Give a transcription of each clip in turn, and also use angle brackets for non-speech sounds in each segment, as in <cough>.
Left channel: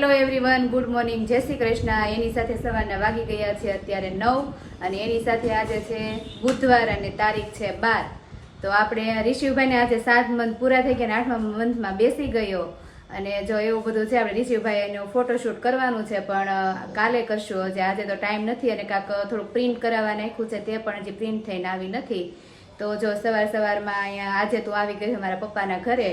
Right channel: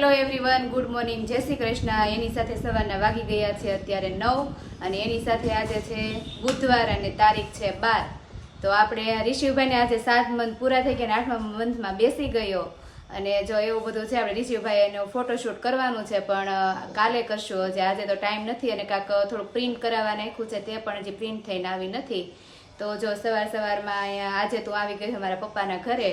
Hello everyone good morning જય શ્રી કૃષ્ણ. એની સાથે સવારના વાગી ગયા છે અત્યારે નવ અને એની સાથે આજે છે બુધવાર અને તારીખ છે બાર. તો આપણે ઋષિભાઈને આજે સાત મંથ પૂરા થઈ ગયા અને આઠમા મંથમાં બેસી ગયો. અને જો એવું બધું છે, આપણે ઋષિભાઈ એનું ફોટોશૂટ કરવાનું છે, પણ કાલે કરશું. હજી આજે તો ટાઈમ નથી અને કાંક થોડુંક પ્રિન્ટ કરાવવા નાખ્યું છે, તે પણ હજી પ્રિન્ટ થઈને આવી નથી. તો જો સવાર સવારમાં અહીંયા આજે તું આવી ગઈ મારા પપ્પાના ઘરે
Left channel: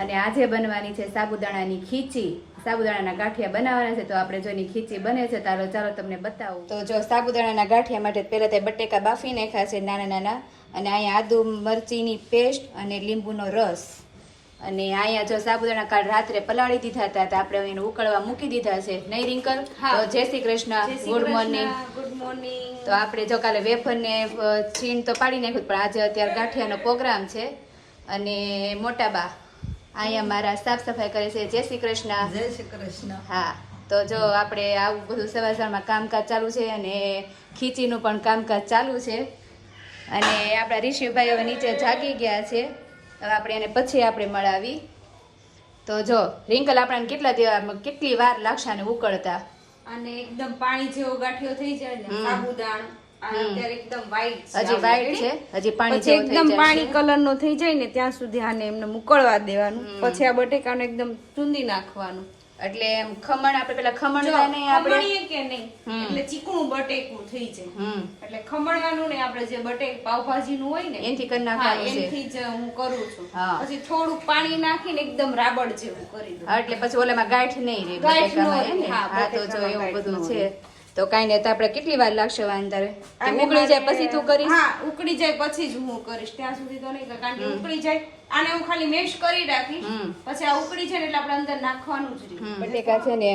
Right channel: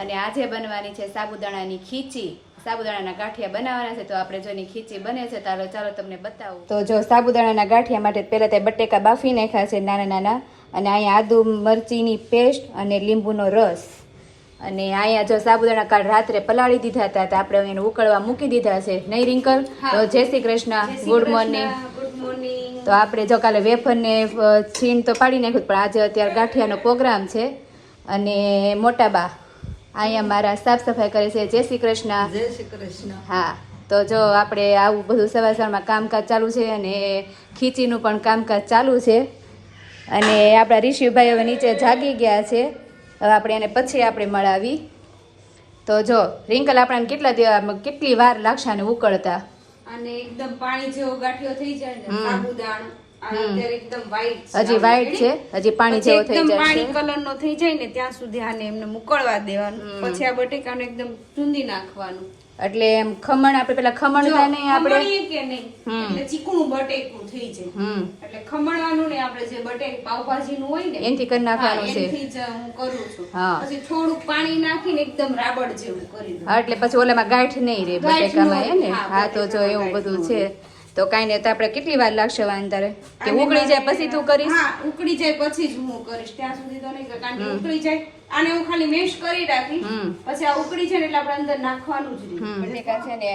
અને આજે બનવાની છે સાબુદાણાની ખીચી. સાબુદાણાના ગાંઠિયા બનાવવાના છે, તો આપણે જો એની ખીચી બને છે, તારો ચાલો તમને બતાવું. તો જો સાબુદાણાના ગાંઠિયા માટે પહેલાં તે બટેકા બાફી નાખ્યા છે નાના નાના અને અહીંયા આદુ મરચીની પેસ્ટ અને લીંબુનો રસ. અને અહીંયા જો સાબુદાણા કાલ રાત્રે પલાળી દીધા હતા તો આપણે એને ઉકળવા મૂકી દીધા છે. નહીં રિંકલ? તો જય શ્રી કૃષ્ણ. ગુડ મોર્નિંગ તો આપણે જો કાલે વેફર ને અ, છીણ તો પાડી નાખ્યું પણ આજે અત્યારે ગાંઠિયાનો પ્રોગ્રામ છે. અને મોટા બા અહીંયા મારા સાફ સફાઈ કરે છે. જય શ્રી કૃષ્ણ. જય શ્રી કૃષ્ણ. હા તો જો આપણે આવું બધું સવાર સવારમાં કામકાજ ચાલુ છે અને ખીચીનું પણ કામકાજ ચાલુ છે. અને આપણા ઋષિભાઈ હવે નીચે જાગી ગયા છે. હવે આપણે એને પછી આપણે મળાવી. તો જો રિંકલ આપણાને કેટલા કેટલી વાર લાગશે આને ઉકળતા? અને એકદમ પાણી જેવો ગાંઠિયો થઈ જાય ને સાબુદાણ હજી વ્હાઈટ છે? હજી પાણી જેવો થઈ જાય પાણી કલર નો થઈ જાય ને ત્યાં સુધી આને એમને મુકળવા દેવાનું. પછી આ બટેકાને એકદમ ચૂંદી નાખવાનું. એટલે એમ ખમણ આપણે પેલા ખમણ નહીં આપણે કે નહીં એટલે ચીકણું બટેકું થઈ જાય. એટલે ખમણવાનું ને આપણે જે બટેક પાવભાજીનું હોય ને એનથી કરી નાખવાનું છે. એનથી જ હું કરું છું. પછી થોડુંક પાણી નાખીને એકદમ રાબડ જેવું કરી દઉં. એટલે પછી ઓલામાં ગાંઠ નહીં રે બટેકામાં હે ને? તો જો એવું બધું છે. તો કાંઈ નહીં તો આપણે કેટલી વાર લાગશે વાંધારે? કે ઉકળી જાય પછી તું કરીશ? હા ઉકળી જાય પછી જ હું કરીશ ત્યાં સુધી તો નહીં કારણ કે ઉકળી જાય. આને હું ખાલી મેશ કરી રાખીશ પછી આ ઉકળી જાય એટલે આપણે અંદર નાખવાનું જ બટેકા છે ને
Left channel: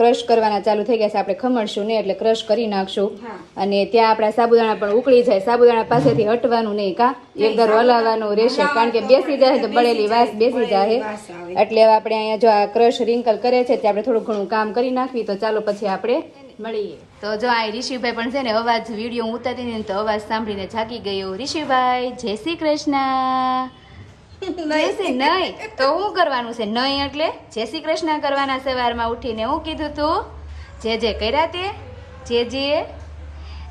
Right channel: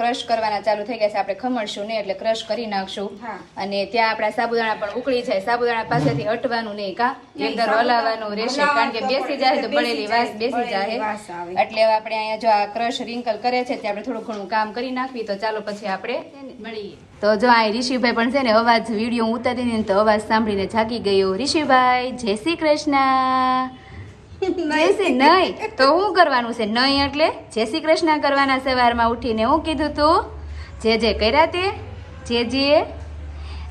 ક્રશ કરવાના ચાલુ થઈ ગયા છે આપણે ખમણશું નહીં એટલે ક્રશ કરી નાખશું. અને ત્યાં આપણા સાબુદાણા પણ ઉકળી જાય સાબુદાણા પાસેથી હટવાનું નહીં કા? એકદર હલાવવાનું રહેશે કારણ કે બેસી જાય તો બળેલી વાસ બેસી જાય. એટલે આપણે અહીંયા જો આ ક્રશ રિંકલ કરે છે તે આપણે થોડું ઘણું કામ કરી નાખવી તો ચાલો પછી આપણે મળીએ. તો જો આ ઋષિભાઈ પણ છે ને અવાજ વીડિયો ઉતારી ને તો અવાજ સાંભળીને જાગી ગયો. ઋષિભાઈ જય શ્રી કૃષ્ણ. નહીં. તો શું કરવાનું છે? નહીં એટલે જય શ્રી કૃષ્ણ કરવાના સવારમાં ઉઠીને હું કીધું તું જે જે કર્યા તે જે જે.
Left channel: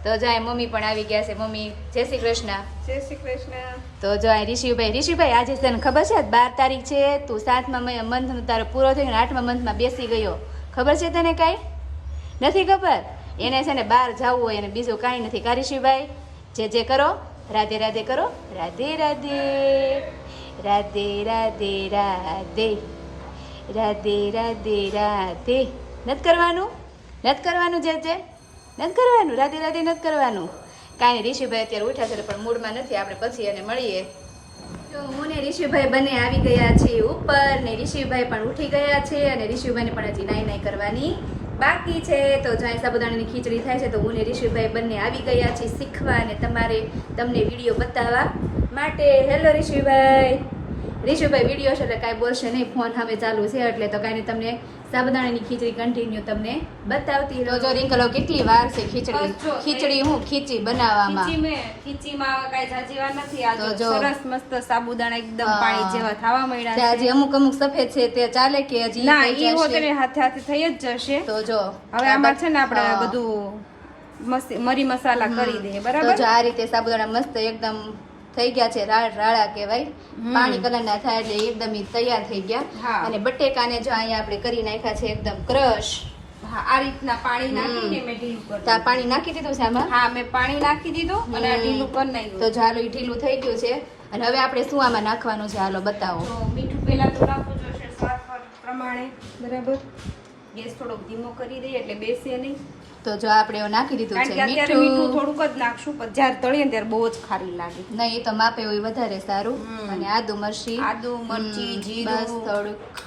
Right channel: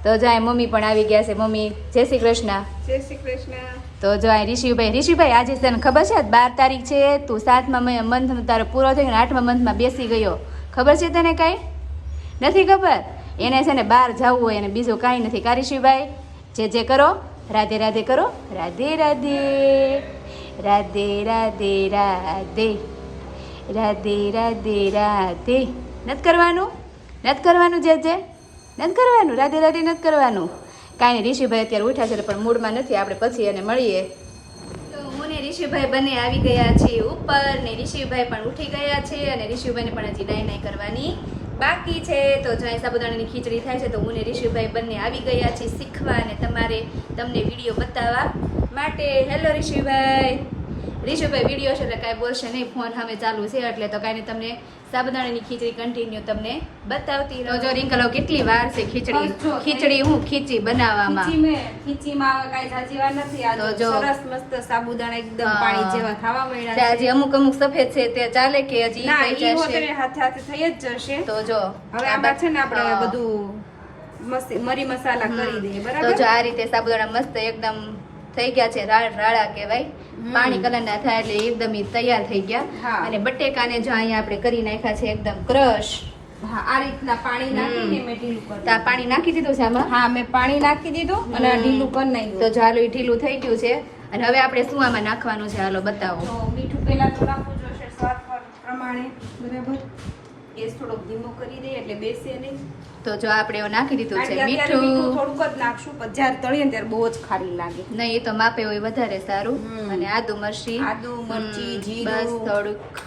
તો જો આ મમ્મી પણ આવી ગયા છે. મમ્મી જય શ્રી કૃષ્ણ. જય શ્રી કૃષ્ણ. તો જો આ ઋષિભાઈ ઋષિભાઈ આજે તને ખબર છે? બાર તારીખ છે. તું સાતમા મંથ તારો પૂરો થઈને આઠમા મંથમાં બેસી ગયો. ખબર છે તને કાંઈ? નથી ખબર? એને છે ને બહાર જવું હોય અને બીજું કાંઈ નથી. કા ઋષિભાઈ જે જે કરો, રાધે રાધે કરો. રાધે રાધે રાધે રાધે રાધે. રાધે રાધે રાધે. નથી કરવાનું? નથી કરવાનું જે જે? નથી કરવાનું? રાધે રાધે નથી કરવાનું? કાંઈ નહીં, ઋષિભાઈ અત્યારે ઉઠ્યા છે, પણ મૂડમાં નથી. આપણે પછી એને મળીએ. તો હું ને ઋષિભાઈ બંને આવી ગયા છીએ ઉપર ને ઋષિભાઈ પણ ઉઠી ગયા છે અને ઋષિભાઈને પણ હજી નાઈ નાઈ કરવાની બાકી છે, તો જો અહીં સાબુદાણાની ખીચડી થાય છે, તો હું ને ઋષિભાઈ બંને આવી ગયા છીએ શીખવા અને તમારે તમને વીડિયો બતાવવા માટે. હેલો ઋષિભાઈ ઋષિભાઈ વીડિયો છે એટલે કાંઈ બોલશે નહીં ફોન સામે ચાલુ છે એટલે તો કાંઈ તમને સાબુદાણાની ખીચડી કન્ટિન્યુ તમને બતાવતી રહો. જો રિંકલો કેટલી વાર છે ખીચડી? ખીચડી હું? ખીચી બનાવવામાં? ખીચીમાં કાંઈ જાજી વાર નથી આ જો જો. સરસ મસ્ત સાબુદાણા એકદમ પાણી જેવા થવા અમુક અમુક સફેદ છે તે ચાલે કે હજી ના એ? હાથે હાથે થઈ જ જશે. તો જો હવે આમાં છે ને આપણે. બધું મસ્ત મરી મસાલા કરી દે તો બરાબર? જો આ રીતે સાબુદાણા મસ્ત એકદમ થઈ ગયા છે રાળ રાળા કહેવાય. પાણી કલર ના થાય એટલે એકદમ તૈયાર થઈ ગયા. અને બટેકાને જો અહીંયા આપણે કરી નાખ્યા છે એકદમ ક્રશ. આ રીતના પાણી. નાખીને મેં ઢીલું કર્યું પાણી નાખી દીધું છે આમાં? હા મેં પાણી નાખી દીધું અને ઢીલું પણ કરી તો જો ઢીલું થઈ ગયું છે. અને હવે આપણે શું આમાં નાખવાનું છે? હાલો બતાવો. મીઠું પહેલા તો નાખવું જોશે સ્વાદ પ્રમાણે. બરાબર? ગેસ થોડોક ધીમો કરી દઈએ એટલે બેસે નહીં. તો જો આપણે એવું નાખી દીધું છે મીઠું. મીઠું થોડુંક જ નાખશું પણ જ્યારે તળીએ ને ત્યારે બહુ જ ખારી લાગે. નહીં એ તો માપે હોય વધારે સારું. અને આદુ મરચી. આદુ, મરચી, જીરું. બસ થોડુંક.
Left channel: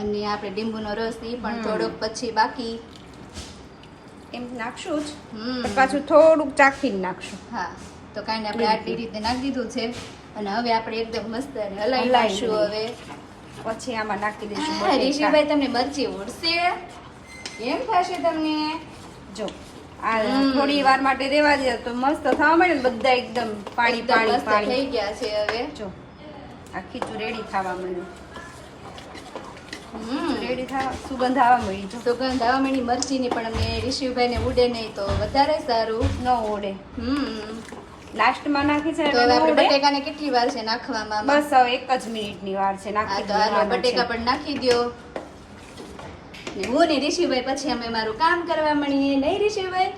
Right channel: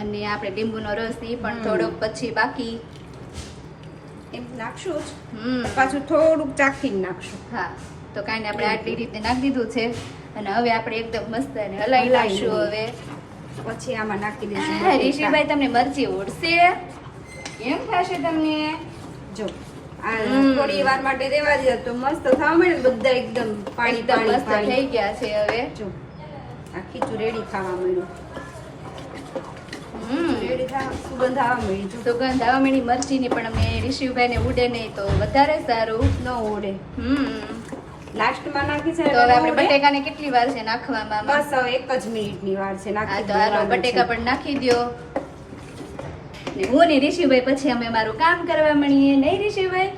અને આપણે લીંબુનો રસ એ પણ થોડોક પછી બાકી. એમ નાખશું જ. પાછું થોડુંક ચાખીને નાખશું. હા તો કાંઈ આપણે આટલી રીતે નાખી દીધું છે. અને હવે આપણે એકદમ મસ્ત અને હલાવી લાવશું હવે. પછી આમાં નાખી દઈશું હા, તમને મરચી ઉડશે. એમ થશે તમને? જો થોડી વાર માટે રેવા દે તો મસ્ત થવા મળે બધા એકદમ પાણી પાણી મસ્ત થઈ ગયા છે હવે. જો આ ખીચું રેડી થવા મળ્યું હમ. રેડી થવા સુગંધ આવવા મળી સુગંધ મરચી મરચીની પણ અમે ઋષિભાઈને ઉડે નહીં તો વધારે સારું. ન ઉડે. હમ. લાસ્ટમાં નાખી છે તો હવે આપણે બટેકાને કેટલી વાર છે નાખવામાં બસ હવે એક જ મિનિટની વાર છે નાખી દેવાનું બટેકા પણ નાખી દો ને હું ને ઋષિભાઈ પછી અમે મારું કામ કરવા મળીએ નહીં ઋષિભાઈ?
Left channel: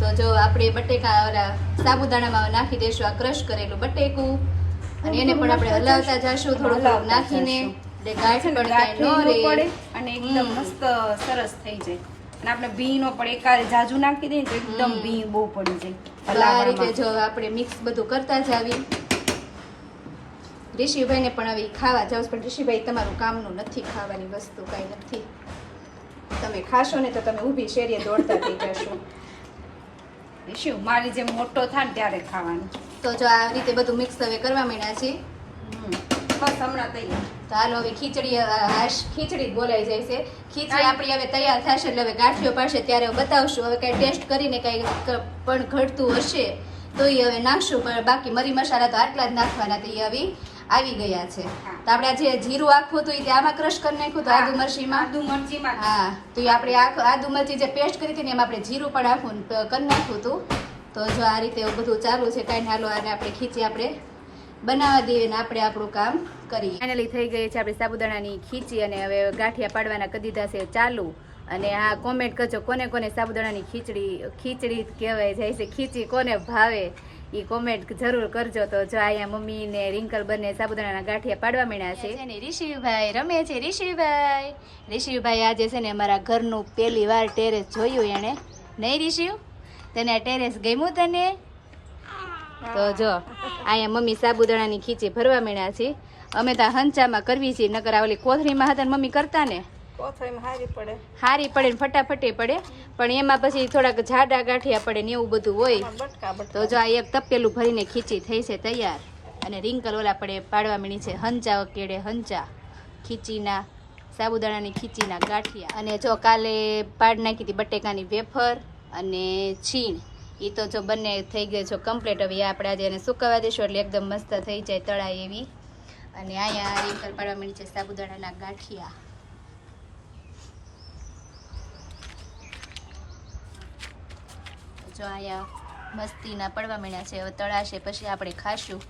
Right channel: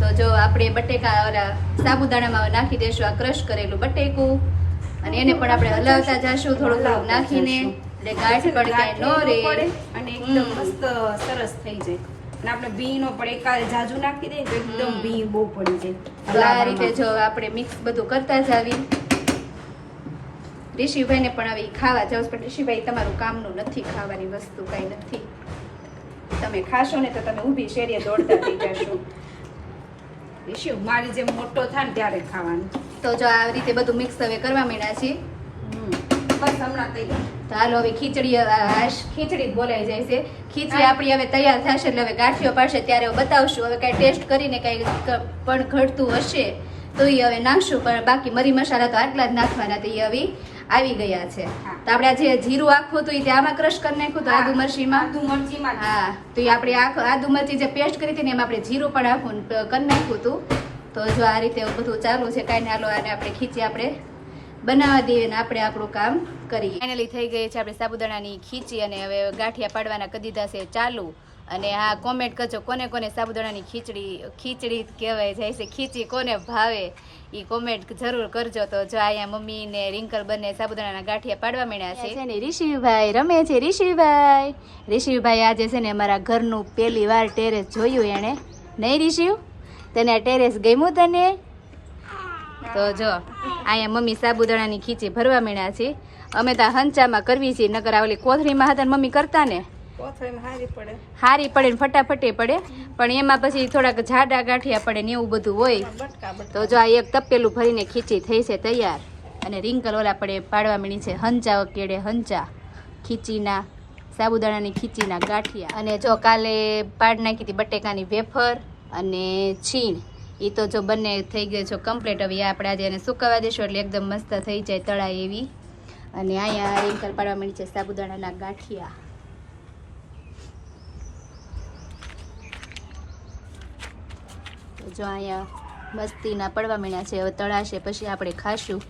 તો જો આપણે બટેકા સાબુદાણામાં નાખી દઈશું આ ક્રશ કરેલું બટેકું. અને એને પણ આપણે હલાવતા જશું થોડું થોડું નાખીને. એટલે ગાંઠ પણ ન રહે. અને એકદમ મસ્ત સરસ થઈ જાય. અને આપણે ભી નો પણ એકાદ જાજુ નાખી દઈએ તો એકદમ ભી બહુ પડી જાય આ રીતે જો આપણે મિક્સ બધું કરતા જ આવી ઋષિભાઈને પણ હવે ખાવા જાવ પણ ઋષિભાઈ તમારું કામનું નથી ખાવાની વસ્તુ કાંઈ નથી. તમે ખાશો ને તો તમે ઊભી શેરીએ દોડતા થઈ જશો. ઈશુ, મારી જેમ મોટો થાય ને ત્યારે ખાવાનું. તો જો આ રીતે બધું મિક્સ હવે કરવા માંડ્યા હમ. બસ હમણાં તૈયાર. હવે ખીચડી હાશ ખીચડી બોલાઈ જાય છે. ખીચડી આપણી હવે તૈયાર થશે એટલે હવે ગાંઠિયો પાડશે ત્યારે બતાવશું. હવે કાંઈ ટેસ્ટ કરીને કાંઈ પણ ઘટતું હશે તો એ હવે નાખશું. પણ બાકી મરી મસાલા તો આટલા જ નાખવાના તો એ હવે આવી ગયા છે. તો આપણે જે જીરું આખું હતું તે આમાં ક્રશ કરી નાખ્યું તો આદુ મરચીમાં? આદુ મરચીમાં હા. તો એ આપણે આખું આદુ મરચી જે પેસ્ટ કરી હતી ને એમાં આપણે જીરું પણ આખું કરી નાખ્યું હતું. તો જો આ રીતે બધું ચાલુ છે કાંઈ હાલો આને આપણે ખીચી આપણે બનાવવા દઈએ ને આપણે આપણું કામ કરીએ. ફાઇનલી થઈ ગઈ છે આપણે સાબુદાણાની ખીચી અને હવે ગાંઠિયા પાડવાના કરી દીધા છે ચાલુ. અને હા કોમેન્ટ કરજો કોને કોને સાબુદાણાની ખીચડી ખીચડી કહેવાય જાય છે ખીચી કોને ભાવે એ કોમેન્ટ જરૂર કરજો. તો જો અહીંયા મમ્મી ને રિંકલ બંને સાબુદાણાના ગાંઠિયા પાડવા માંડ્યા છે. ને ઋષિભાઈ રમે છે. ઋષિભાઈ ઋષિભાઈ આજે છે ને અમારા ઘરનું પહેલી વાર ટેરેસ જોયું એણે. નહીં ઋષિ? તને આ ટેરેસ ગમ્યું તને? તો જો અહીંયા મમ્મી સાબુદાણાની ખીચી ભરવા મળ્યા છે. અમે ત્યાં હંચામાં કરવી છીએ નકર ઓલી કોથળીમાં હતા મમ્મી કરતા ને. હારી પડે. ને ફટાફટે પડે. પણ એમાં પછી થોડાક જાડા ગાંઠિયા પડે ને એવું બધું હોય. તો જો આ એક તપેલું ભરીને ખીચી થઈ છે તૈયાર. અને રિંકલ ઓલા પડે પાડવા મળી છે હંચા કેડે હંચા. ખીચીના સાબુદાણાની ખીચીના ગાંઠિયા. અને જો કાલે પાડ નાખી હતી બટેકાની વેફર અને છીણ. એ તો જો બંને થઈ ગયો છો કમ્પ્લીટ હવે આપણે આજે એને સુકાવા દઈશું એટલે એકદમ મસ્ત થઈ જાય તળાય એવી. અને અહીંયા રિંકલ પાડવા મળી છે સાબુદાણાના ગાંઠિયા. જો અહીંયા મસ્તીના પડવા મળ્યા છે, હવે તળાશે, પછી આપણે ખાશું.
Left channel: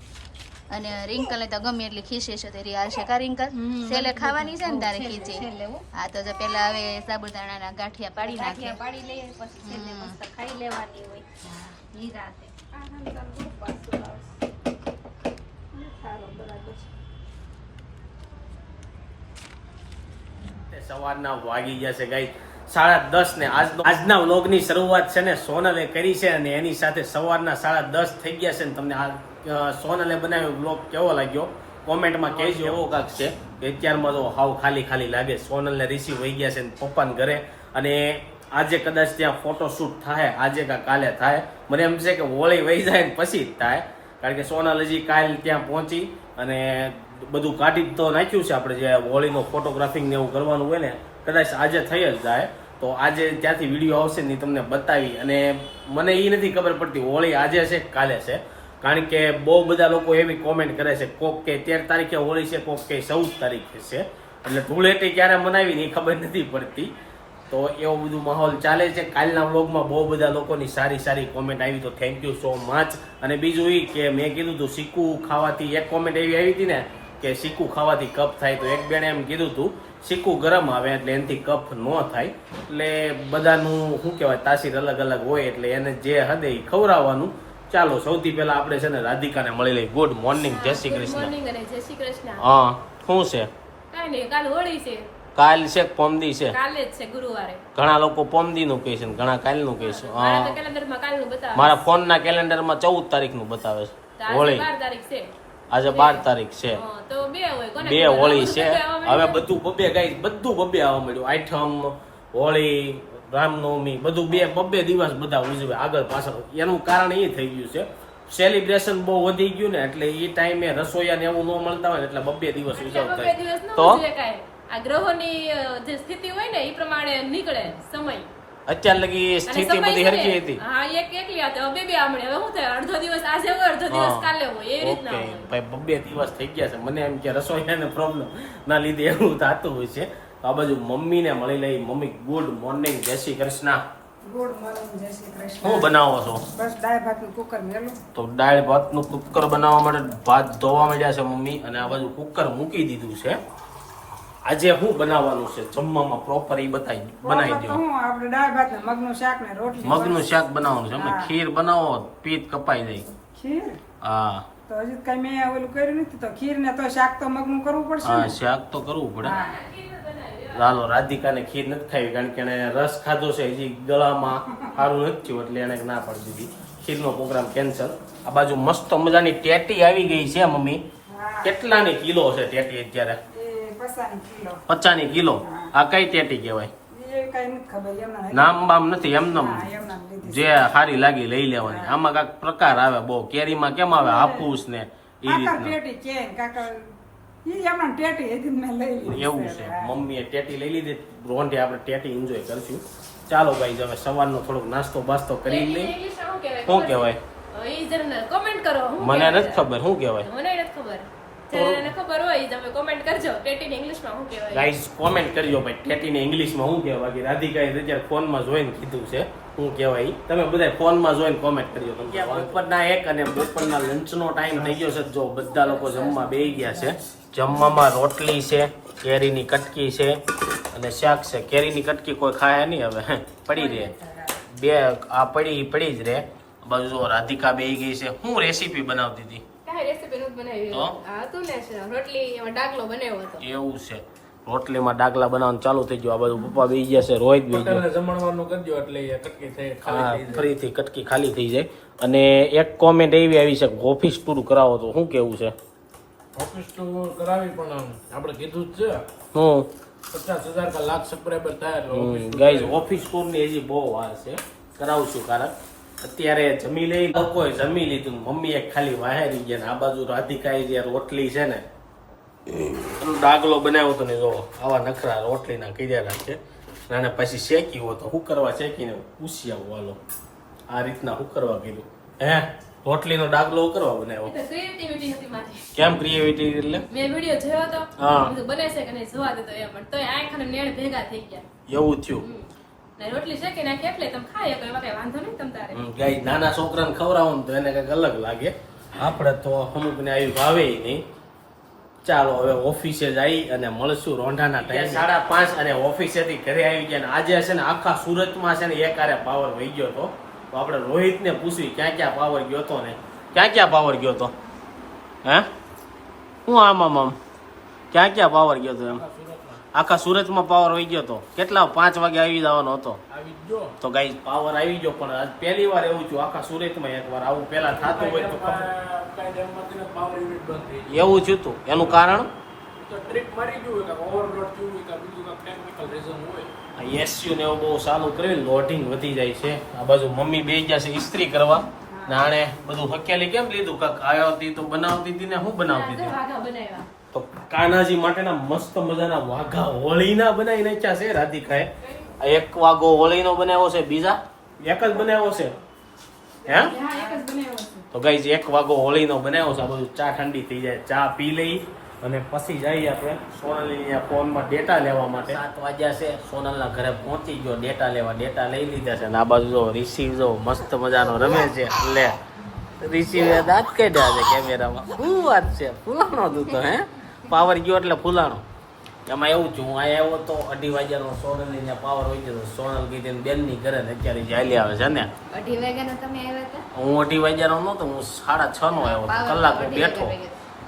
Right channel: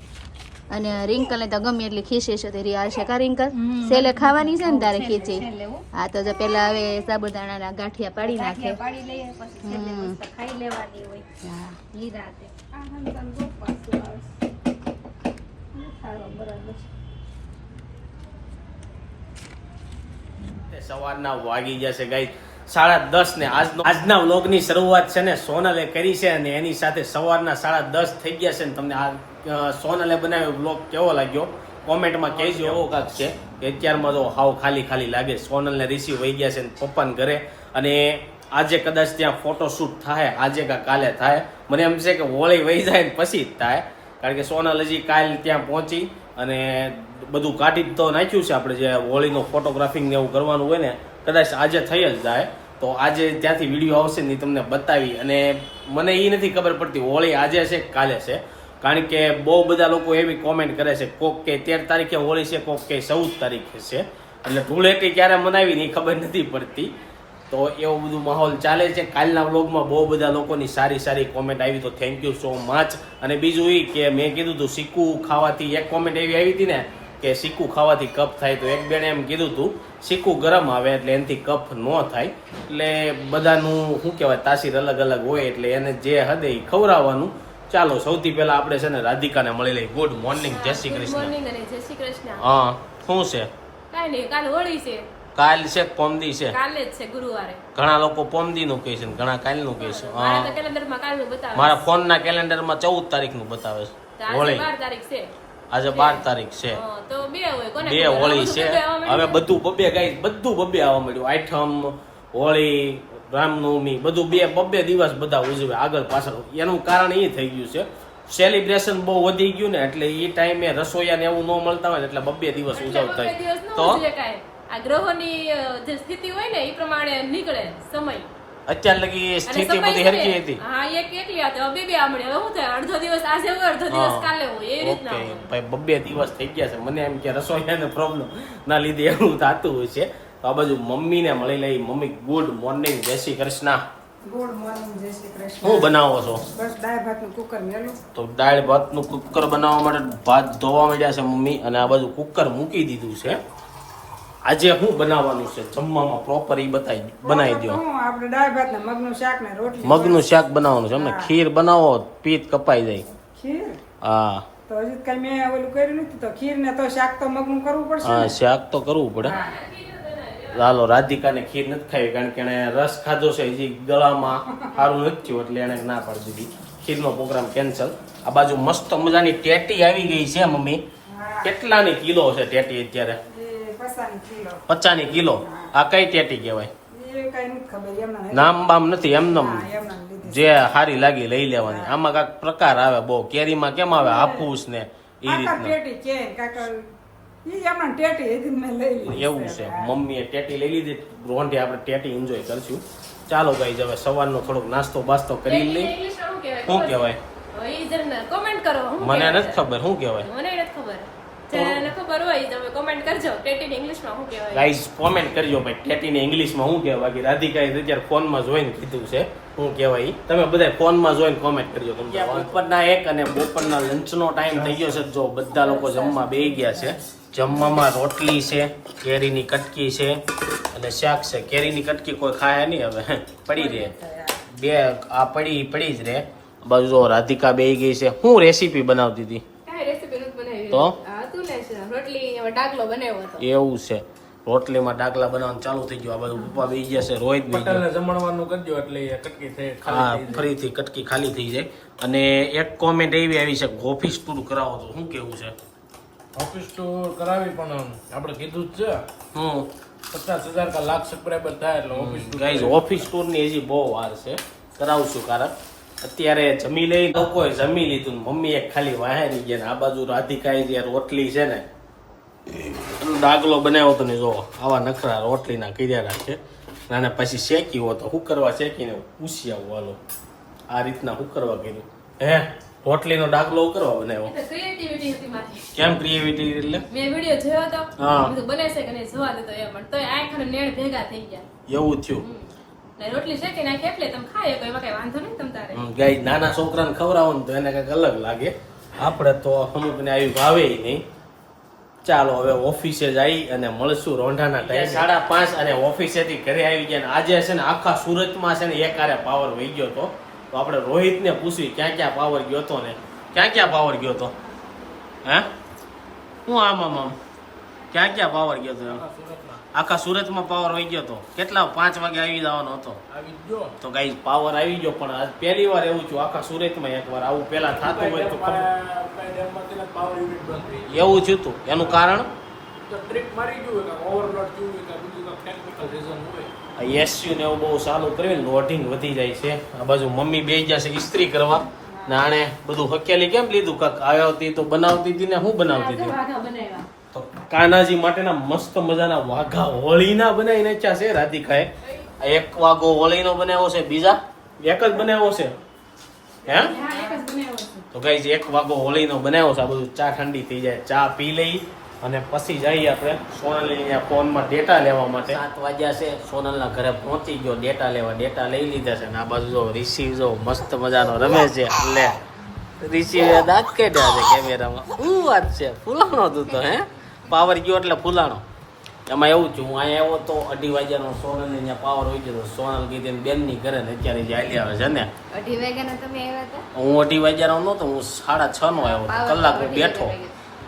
અને રિંકલ ને તો ગમે એટલી ખીચી છે તે રિયાલ છે. કા રિંકલ સેલે ખાવાની છે ને તારે ખીચી? હા. તો જો પેલા હવે સાબુદાણાના ગાંઠિયા પાડી નાખે. પાડી લઈએ પછી ખાઈ લેવાની હોય. હા. નિરાંતે. સારું, બરાબર છે. તે સવારના વાગી જશે ગાઈ સાડા દસ ને આજનો આજના વ્લોગની શરૂઆત છે ને સોનલે કરી છે અને એની સાથે સવારના સાડા દસ થઈ ગયા છે ને તમને આ સોનલે બનાવ્યો બ્લોગ કેવો લાગ્યો? કોમેન્ટમાં કહેજો એવો કાંક છે કે અત્યારમાં તો હાવ ખાલી ખાલી લાગે. સોનલને રિસીવ વહી ગયા છે ને પપ્પાને ઘરે. અને આજે કદાચ ત્યાં ફોટોશૂટ થાય આજે કાં કાલે થાય. મને એમ છે કે હોળી વહી જાય ને પછી જ થાય. કારણ કે સોનલ હજી કાલ ત્યાં પહોંચી અને બધું કાઢી તો નાખ્યું છે આપણે જે હોળીનો ફોટોગ્રાફિંગ ને એવું કરવાનું હોય ને કદાચ આજે થઈ જ જાય. તો આજે ત્યાંથી વીડિયો આવશે ને તમને બતાવી. અને મને એ નથી ખબર પડતી હોળી આજે છે કાલે છે. કારણ કે બહુ બધા લોકો એવી કોમેન્ટ કરે છે, કોક કે તેર તારીખે હોળી છે, કોક કે ચૌદ તારીખે છે. એટલે ધૂળેટી ક્યારે મનાવી ને એ ખબર નથી પડતી. તો એવું બધું માહોલ ચાલે છે. કાલના વ્લોગમાં બહુ બધા લોકોની સારી સારી કોમેન્ટ આવી. તો થેન્ક યુ સો મચ અને બીજું એ કે મેં કીધું હતું સિક્કુ ખાવાથી. એક કોમેન્ટ એવી આવી હતી ને કે સિક્કુ ખાવાથી કફ થાય. તો એક બેણે એમ કીધું હતું સિક્કુ ગરમ આવે એટલે એનાથી કફ ન થાય. એટલે બધાનું શું કહેવાય, તાસીર અલગ અલગ હોય એટલે એને જે હદે એ ખવડાવવાનું ચાલો સૌથી પહેલા આપણે છે ને રાધિકાને મળી લઈ ગુડ મોર્નિંગ જય શ્રી કૃષ્ણ. મોર્નિંગ અને જય શ્રી કૃષ્ણ. હા શું છે? કાઈ નહીં કાલ હોળી છે. કાલ છે પોમદી છે? કાલે જ છે ગુરુવારે. ઘણા લોકો પોમદીનું કહે છે ને ઘણા કાલનું કહે છે. મારા તો હા કેલેન્ડરમાં કાલનું બતાવે મારા ફોનના કેલેન્ડરમાં ચૌદ તારીખનું બતાવે છે. હોળી. તારીખ છે. આજે બાર તારીખ છે. બે? હોળી છે. હવે બધું બબે ગાઈ બધું બબે આવવા મળ્યું. આઠમ હોળી રામનવમી બધું બે બબ્બે દિવસ બધા ઉજવે આગળ પાછળ. એનું કારણ એ થઈ ગયું છે સેલિબ્રેશન બહુ વધી ગયું ને એટલે એ ટાઈમે રસોઈયા ને એવું ન મળતા હોય ને એટલે બબ્બે દિવસ ઉજવતા તો? આ ગ્રહોની જે સ્થિતિ હોય ને એ પ્રમાણે નીકળે સમય. અત્યાર લગી સ્થિતિ બધી હરકી હતી. હા એક એકલી હતી હવે બે બે આમણે. હવે શું થાય? અડધો દિવસ આજે હોય અડધો દિવસ કાલે હોય. એવી રીતના ઓકે. ભાઈ બબ્બે દિવસ થઈ ગયા છે. મને એમ કે રસોઈયાને પ્રોબ્લેમ ના લીધે એવું થતું હોય છે. તો આ બાજુ મમ્મીને મળી લઈ. મમ્મી ગુડ મોર્નિંગ જય શ્રી કૃષ્ણ. ગુડ મોર્નિંગ જય શ્રી કૃષ્ણ. શું બનાવો છો? બસ દાળ ભાતનું કુકર મેલું. તો દાળ ભાતનું કુકર બનાવવા માટે ભાત ધોવા મળ્યા છે મમ્મી અને આ બાજુ કુકર મૂકી દીધું છે. આજે શું બનાવવાનું છે? જમવામાં પ્રોપર એ બતાવી બનાવી દો મગ આપણે દાળ ભાત ને મગનું શાક ને રોટલી મગનું શાક બનાવવાનું છે. અમને ખીર બનાવો પીત કપાઈ જાય. ખીર? હા. તો હજી કઈ મેં ઓલું કર્યું નથી તો ખીર ને તો શાક તો મગનું કરવું પડશે હા શાક તો કરવું પડે. ચાલો રાધિકાને ખીર નથી ખાવી કારણ કે એણે રસ ખાધો છે હજી ગળામાં સારું નથી થયું એટલે એણે ના પાડી દીધી. ખીરનો પ્રોગ્રામ કેન્સલ આ બાજુ મસ્ત મજાની ટેટી આવી ગઈ છે મમ્મી. કેટલાની કિલો છે ટેટી અત્યારે? પચાની કિલો. આ કઈ ટેટી કહેવાય? નામ બામ નથી એમને જે સારી લાગી લઈ લેવાની. આમાં કાંઈક પ્રકાર આવે બહુ. કેરીમાં કેમ આવે? હાફૂસ ને એ રીતના. એમના ટેટી હજી મેં લઈ લીધી એવું છે. મમ્મીએ ટેટી લઈ લીધી. રોંઢે આપણે ટેટી એન્જોય કરશું. ચાલો ભાઈ હવે સવારનો થોડોક નાસ્તો બાસ્તો કરી લઈ શું કહેવાય? comment કરો મને નથી ખબર શું કહેવાય? મને નથી ખબર. ખબર હોય તમે કોમેન્ટ કરજો. ટેટીને ઇંગ્લિશમાં શું કહેવાય? ગાઈઝ કોમેન્ટ કરજો ભાઈ ટેટીને ઇંગ્લિશમાં શું કહેવાય? રાધિકાએ અત્યારે ફોનમાં જોઈને કીધું છે શું કહેવાય તમે બધા ફોનમાં જોઈને કોમેન્ટ કરજો. તમને બપોરના એક અને બપોરના લંચનો ટાઈમ થઈ ગયો છે જો બધા લોકો જમવા બેસી ગયા છે. જમવામાં રોટલી છે કેરીની કટકી છે અને શાક છે. કેરીની કટકી કોઈ ખાય નહીં હવે. પડી રહે. બે આ પડી પડી જ રહે. બાજુ જો રાધિકા બે ગઈ છે. શું રેસીપી બનાવતી હતી? કાંઈ રેસીપી નથી બનાવી તો? આ હતું ને રોટલી એમાં ડાકલો બનાવ્યો હતો. એવું છે. રોટલીમાં ડાકલા બનાવવાનું ચાલુ થઈ ગયું. આ બધું પપ્પા બેસી ગયા છે રોહિત બેસી ગયો. જમણવાનું કરજો એટલે કટકી થઈ હા ફરીથી કટકી ખાલી થઈ જાય. અને એક કોમેન્ટ એવી આવી છે ઓફિસ પૂરું કરાવો તો શું કેવું છે? ઓફિસ ટુર કરાવી પણ આપણે કીધું જ છે. હું. પચાસ હજાર કા લાખ સબસ્ક્રાઈબર થાય એટલે ઓફિસ ગાઈઝ. ઓફિસ ટૂરની હજી બહુ વાર છે. કરાવશું કારણ. અત્યારે જમી લઈ લોકોએ જમી લીધું મમ્મી એક ખાલી વાહેરી ગયા ને આ બાજુ રાધિકાએ જે રોટલી છે ને ડાગલો બનાવ્યો તો ને જો આવા નખરા રોટલીના કર્યા રાખે. ને પછી શેકી હોય તો હું કરવા શેકીને પૂછી આવું હાલો. આ રીતના હું કરવા કર્યું? હે? રોટલીનો ડાગલો કરવા બનાવ્યો ક્રિએટિવિટી હતી મારી. કેમ ક્રિએટિવિટી એટલે? મેં વિડિયો જોયો હતો હા. મેં બને છે કે નહીં જોવા દેતો એમ પણ તોય આંખ અને નેણ ભેગા થઈ ગયા. એવું થયું. ને રોટલી શેકી નાખી એટલે તમે એમાં કઈ વાંધો નહીં તમ તારે. ગાય નાના છોકરાને ખવડાવો ને તો એને કંઈક અલગ લાગે. આપણે તો અમુકને આવી ભાવે નહીં. ચાલો હવે ઓફિસે જઈ અને મળશું રોંઢાના ટાઈમ સાડા પાંચ અને ઓફિસેથી ઘરે આવી ગયા અને આજે છે ને આખા સુરતમાં છે ને એકારે પાવર વહી ગયો તો. તો આપણે રોહિતને પૂછવી ક્યાં ક્યાં પાવર ગયો હતો ને? ક્યાં ક્યાં પાવર ગયો તો હે? હું આમ આમ આમ? ક્યાં ક્યાં પાવર ગયો તો એમ? આખા સુરતમાં પાવર આવી ગયો તો કેટલા પાંચ વાગે આવી જવાનો હતો? તો ગાઈ પાવર આવી ગયો પણ આજ પહેલી વાર એવું થયું. આખા સુરતમાં એકવાર આવું પહેલા થતું હોય તો ખબર. એવું થયું હતું એનું કારણ? ટ્રીપ મારી ગયું ઓવરલોડ થયું હોય કે બીજું ટેકનિકલ રીઝન હોય. એસયુ ને એવું બહુ સારું કર્યું લોડિંગ વધી જાય છે. આ બાજુ મમ્મી બે ગયા છે ઇસ્ત્રી કરવા. ને આણે બધું હકેલી કેમ લીધું? કાક આવ્યો હતી તો બનાવતી હતી ને હું બનાવતી હતી? તો કાનાજી માટેના મસ્ત મજાના વાઘા હોળીના બનાવી નાખ્યા છે રાધિકાએ. એક વાઘો હોળીનો બનાવ્યો છે બીજા? એક જ બનાવ્યો છે? હે? તો ગાઈઝ એક વાઘો હોળીનો બનાવ્યો છે આ બધું ચા ઠંડી થઈ જાય. ચા પી લઈ. અને પછી જઈએ આપણે સોનલની ફોનમાં ડેટા લેવા માટે. સાત વાગ્યા છે સોનલના ઘરે પહોંચી ગયો ડેટા લેવા. ડેટા લઈ લીધા છે. અને આ બાજુ જો રિસીવ જો મસ્ત મજાનો રમે છે. લે રિસીવ દાંત કાઢ્યા છે કેમેરામાં શું વાત છે? ફૂલાણો તું તો હે? પાવર ગયો એટલે ફૂલાણો. એમાં એવું છું હું અહીંયા આવ્યો તો અઢી વાગ્યાનો સોનલની ત્યાં પાવર હોય ગયો તો સોનલ કીધી બેનની ઘરે ને અત્યારે જાય આવે છે ને? અઢી વાગ્યાનો તમે આવ્યા હતા? હું અઢી વાગ્યાનો નહોતો હું સાડા છ નો આવ્યો કલાક બેઠો.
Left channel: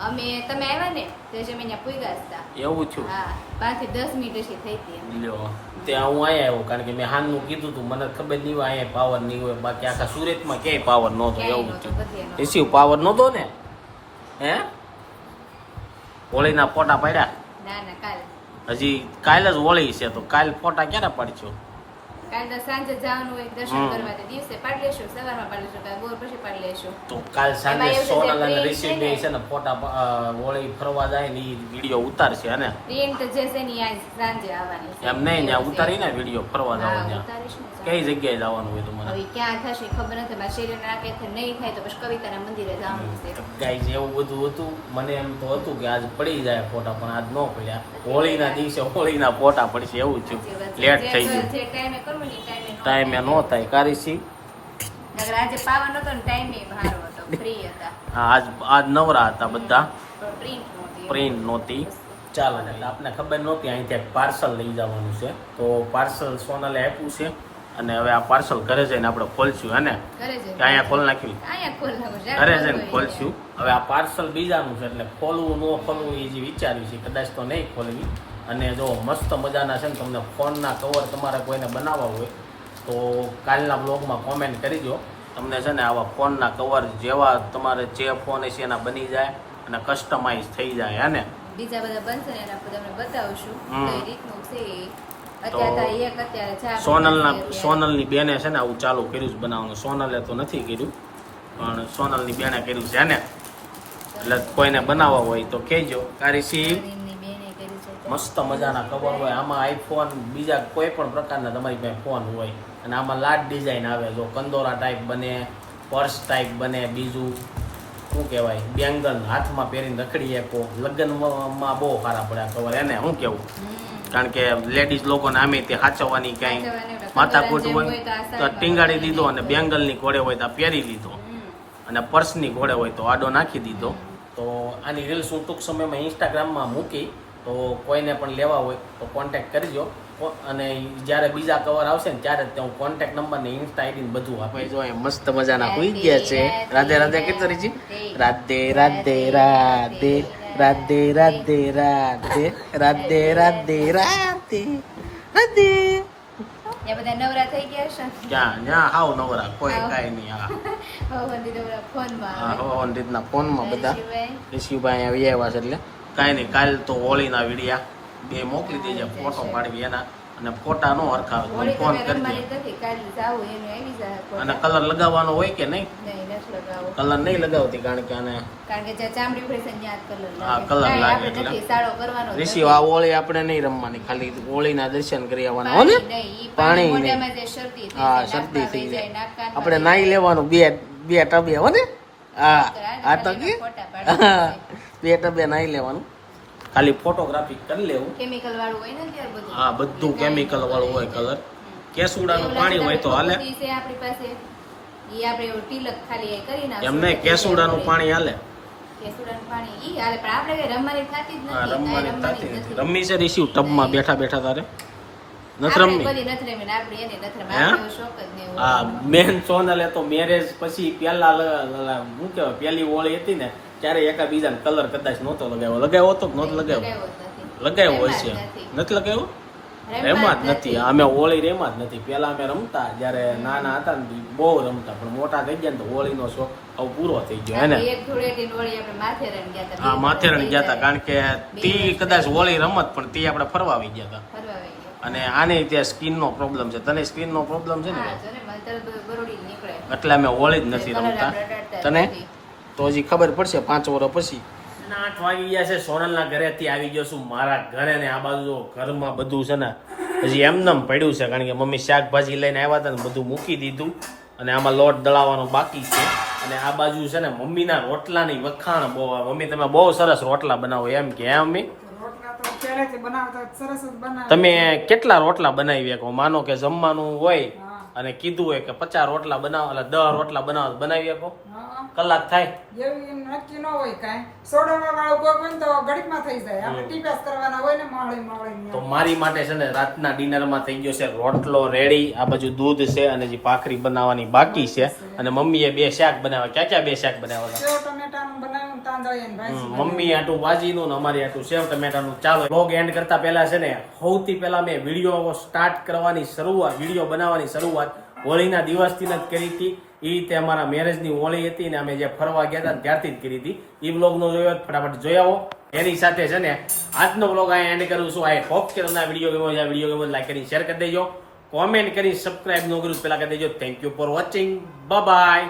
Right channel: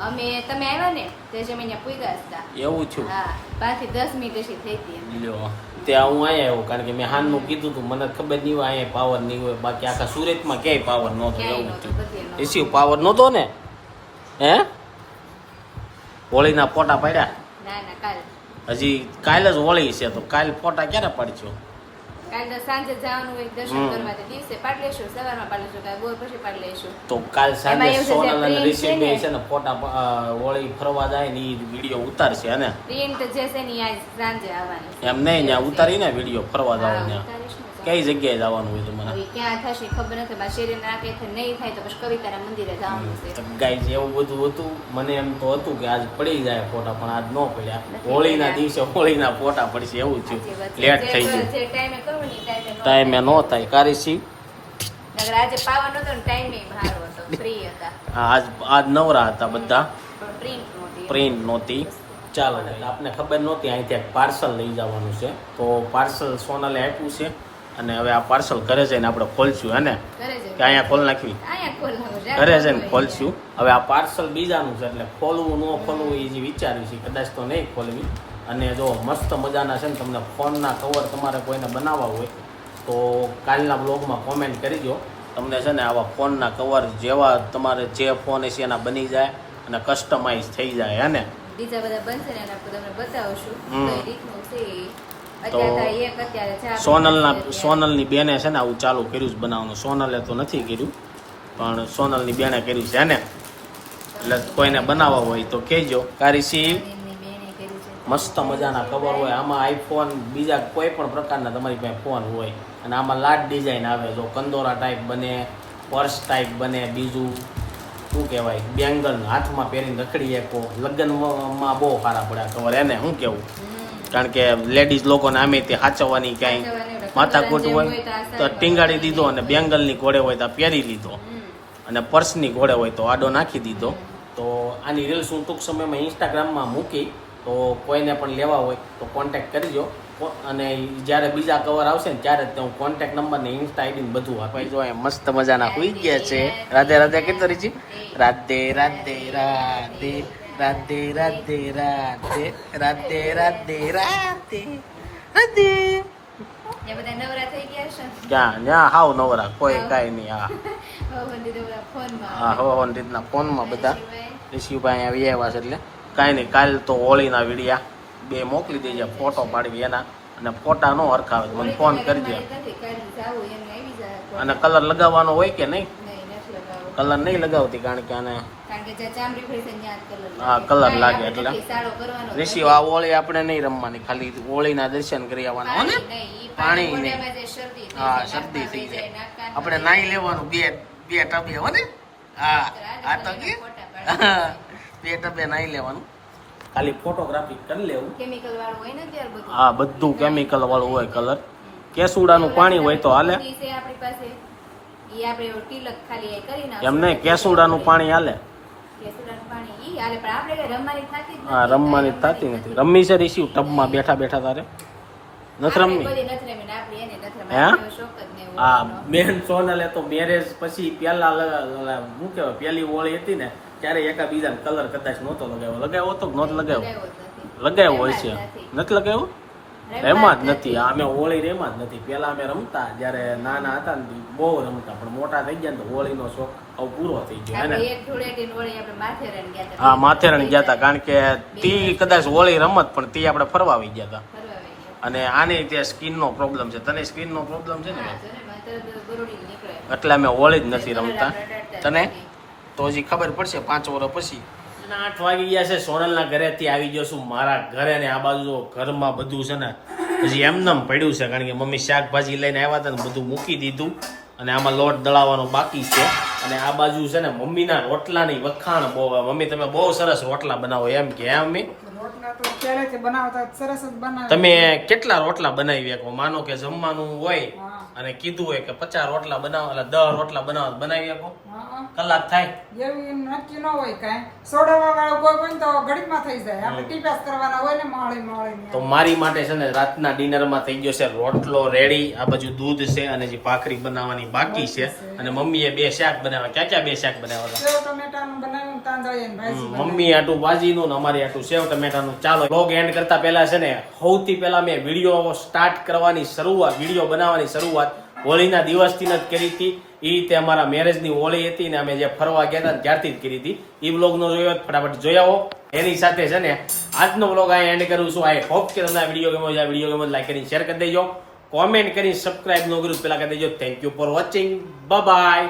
અમે તમે આવ્યા ને તે જ અમે ત્યાં પૂગ્યા હતા. એવું છું હા પાંચથી દસ મિનિટ પછી થઈ હતી લ્યો ત્યાં હું અહીંયા આવ્યો કારણ કે મેં હાનનું કીધું હતું મને ખબર નહીં હોય અહીંયા પાવર નહીં હોય બાકી આખા સુરતમાં ક્યાંય પાવર નહોતો એવું થયું. એસી પાવર નહોતો ને? હે? હોળીના ફોટા પાડ્યા? ના ના કાલ. હજી કાલ જ હોળી છે તો કાલ ફોટા ક્યારે પાડશો? કાલે સાંજે જવાનું હોય દર્શન કરવા તો દિવસે પાડી લેશું સવારમાં પાડી લેશું કાલે બોર પછી પાડી લેશું. તો કાલ સાંજે એમાં એમ છે સોનલ અને કે બે છે ને. ફોટા પ- ફરવા જાય ને એ ઉતારશે અને ટ્રેન તો જે છે ને સાંજે આવવાની એમ નહીં ત્યાં ઉતારીને વીડિયો ફરવા હા, ત્યાં. કઈ જગ્યાએ જવાનું હોય તમારે ક્યાં થશે ખબર નથી મારા શરીર ના કે નહીં થાય તો પછી કવિતાના મંદિરે જવાનું છે. ગાઈઝ એવું બધું હતું. મને એમ તો હતું કે આજ પડી જાય ફોટા પણ આજ ન પડ્યા. હોળીના દિવસે હોળીના ફોટા પડશે એવું થયું. લેટ થઈ ગયું. જે ટાઈમે ટાઈમે ન થાય. કારીસી આજે પાવન હતો ને ટાઈમે ભારો હતો ફ્રી હતા. આજ આજ નવરા હતા બધા. પ્રિન્ટ નહોતી. પ્રિન્ટ નહોતી. ચાલો આપને ખબર નહોતી અહીંથી એક પાર્સલ લઈ જવાનું છે. તો પાર્સલ સોનલે આપ્યું છે અને હવે આ પાર્સલ ઘરે જઈને આપણે ખોલશું હે ને? કે અહીંયા ખોલ નાખવી? ઘરે જઈને ખોલશું. હવે આ પાર્સલ બીજાનું છે એટલે ખોલવું ન ખોલવું એ જે વિચાર્યું છે કદાચ તો નહીં ખોલવી. અને જો મસ્ત મજાના છે ને તમને ફોનના કવર તમારે કોઈને બનાવવા હોય તો કાલના બ્લોગમાં કોમેન્ટ કરીજો તમને છે ને આવા ફોનના કવર જેવા તમારે જે ફોન છે એના બની જાય અને કસ્ટમાઇઝ થઈ જાય હે ને? બીજા બધા બનશે ને આપણે તમને બતાવશું. કઈ રીતનું છે સોનલના સોનલની બેને છે ને આવું ચાલુ કર્યું છે બનાવવાનું. સોનલે તો નથી કર્યું પણ સોનલની બેને કર્યું છે ને? એટલે કોઈને બનાવવા હોય તો કહેજો. છે તો. મસ્ત મજાના કવર હોય. આમાં આઈફોન બીજા કોઈ પણ પ્રકારના તમારી પાસે ફોન હોય. અને આમાં લાટ ડિઝાઇન આવે. જો કંદોરા ટાઈપ બને પર્સ ટાઈપ બને બીજું શું કહેવાય? બેંગલ હાથમાં પહેરીને રખડી શકો. લગ્નમાં બહુ સારા પડ્યા કવર એને શું કહેવું? કારણ કે લેડીઝ લોકોને આમે તે સાચવવાની ક્યાંય માથાકૂટ હોય તો ટીંગાડી દીધો અને બેંગલની ઘોડે હોય તો પહેરી લીધો. અને પર્સની ઘોડે હોય તો આડો નાખી દીધો. તો આની રીલ્સ હું ટૂંક સમયમાં ઇન્સ્ટાગ્રામમાં મૂકી તો કોઈને પણ લેવા હોય તો કોન્ટેક્ટ કરજો. અને જ્યારે બીજા કવર આવશે ને ત્યારે હું કોન્ટેક્ટ નંબર ને ઇન્સ્ટા આઈડી ને બધું આપે જો એ મસ્ત મજાના હોઈ ગયા છે. રાધે રાધે કેટલો રીજી? રાધે રાધે રાધે રાધે રાધે રાધે રાધે રાધે રાધે રાધે. ક્યાં? ત્યાં હાવ નવરા. કોઈ કાંઈ નહીં હા. હા રીતના ફોનમાં બધા. ઋષિભાઈ આવી અહીંયા આવ્યા છે એટલે. કાંઈ નહીં કાલ તો હોળીના વિડિયા. બે મોકલી દેજે ફોટો પાડવી એના. અને ફોટા નો હરખાવે મને ફોન કરજે. અને કલર લગાવવાનો હોય કે નહીં? કલર નહીં લગાવતી કારણ કે આને હા કલર લાગે એટલે. ઋષિ આ ઓળી આપણે નહીં રમવાની ખાલી હોળીના દર્શન કરી આવવાના હોય ને? પાણી હા શરદી થઈ જાય. આપણે નાહી લેવાનું બે બે ટબે હો ને? હા આ તો <laughs> બે ટબે નાહી લેવાનું. ખાલી ફોટોગ્રાફી કરી લેવું. હા બધું કેમિકલ વાળું હોય કલર કેસુડાનું પાણી હોય તો હાલે. આપણી પાસે. એમને કેસુડાનું પાણી હાલે. હા રમવાની થતી નથી. રમી છે રીસી ટબમાં બેઠા બેઠા તારે. નથી રમવી? હા? બેન સોનલે તો મેરેજ પછી પેલા શું કહેવાય પેલી હોળી હતી ને ત્યારે એકા બીજાને કલર કદાચ નહોતો લગાવ્યો. લગાવ્યો તો કે નહોતો લગાવ્યો? લગાવ્યો. હોય છે. નથી. લગાવ્યો? એમાં જ નથી. અમે હોળી રેમાં જ નથી. પેલા અમે રમતા જ્યારે નાના હતા ને બહુ રમતા. પણ મોટા થઈ ગયા ને તો હોળીનો શોખ આવું પૂરો થઈ ગયો એને હતા. હા માથેરણ ગયા હતા. કારણ કે તી કદાચ હોળી રમત પણ તી આપણે ફરવા આવી ગયા હતા. અને આને જે સ્કિનનો પ્રોબ્લેમ છે. તને સ્કિનનો પ્રોબ્લેમ છે ને. એટલે અમે હોળી જ નથી રમતા. તને. તો હજી ખબર પડશે પાંચ વર્ષ પછી. આઠ વાગી ગયા છે સોનલના ઘરેથી આવી ગયો છું મારા ઘરે ને આ બાજુ ઘરમાં બધું છે ને હજી એમનેમ પડ્યું છે કારણ કે મમ્મી શાકભાજી લઈને આવ્યા હતા ને બધું મૂકી દીધું અને આમાં લોટ દળાવવાનો બાકી છે. અને આ બાજુ છે ને મમ્મીના રોટલાની વખાણ બહુ આવે. મમ્મી તમે બહુ સરસ રોટલા બનાવો એમ કે હે મમ્મી? રોટલા તો પહેલેથી બનાવતા સરસ તમે કેટલા રોટલા બનાવી શકો માનો કે જમવાનું હોય. અને કીધું હોય કે પચાસ રોટલા બનાવો એટલે દસ રોટલા બનાવો બનાવી શકો. કલાક થાય. એવું નક્કી ન હોય કાંઈ. સોડાવા વાળો કોઈ હોય તો ઘડીકમાં થઈ જાય. આપણે ટીપાસ કરવાના હોય ને માળી માળી તો મારી માટે છે ને રાતના ડિનરમાં થઈ ગયો છે રોટલો રેડી આ બાજુ દૂધ છે અને જે ભાખરી બનાવવાની બાકી છે. અને મમ્મીએ બે શાક બનાવ્યા. ક્યાં ક્યાં બે શાક બનાવ્યા સેવ ટમેટાનું બનાવ્યું તાંદળિયા ભાજી મમ્મી આટું ભાજીનું ને અમારી આટું સેવ ટમેટાનું ચાલો. બ્લોગ એન્ડ કરતા પહેલા છે ને સૌથી પહેલા મેં વીડિયો સ્ટાર્ટ કરવાની શરૂઆત વીડિયો બનાવવાની શરૂઆત હોળીના દિવસથી જ કરી હતી. એ રીતે અમારા મેરેજની હોળી હતી ને અમે જે ફરવા ગયા હતા ત્યારથી જ કરી હતી. એ બ્લોગનો જોયો ફટાફટ જોઈ આવો. એની સાથે છે ને આજનો બ્લોગ અહીંયા એન્ડ કરું છું. આઈ હોપ કે તમને વીડિયો ગમ્યો છે આ વીડિયો ગમ્યો લાઈક કરીને શેર કરી દેજો. કોમેન્ટ કરી સબસ્ક્રાઈબ ન કર્યું પેલા કરી દેજો. Thank you for watching bye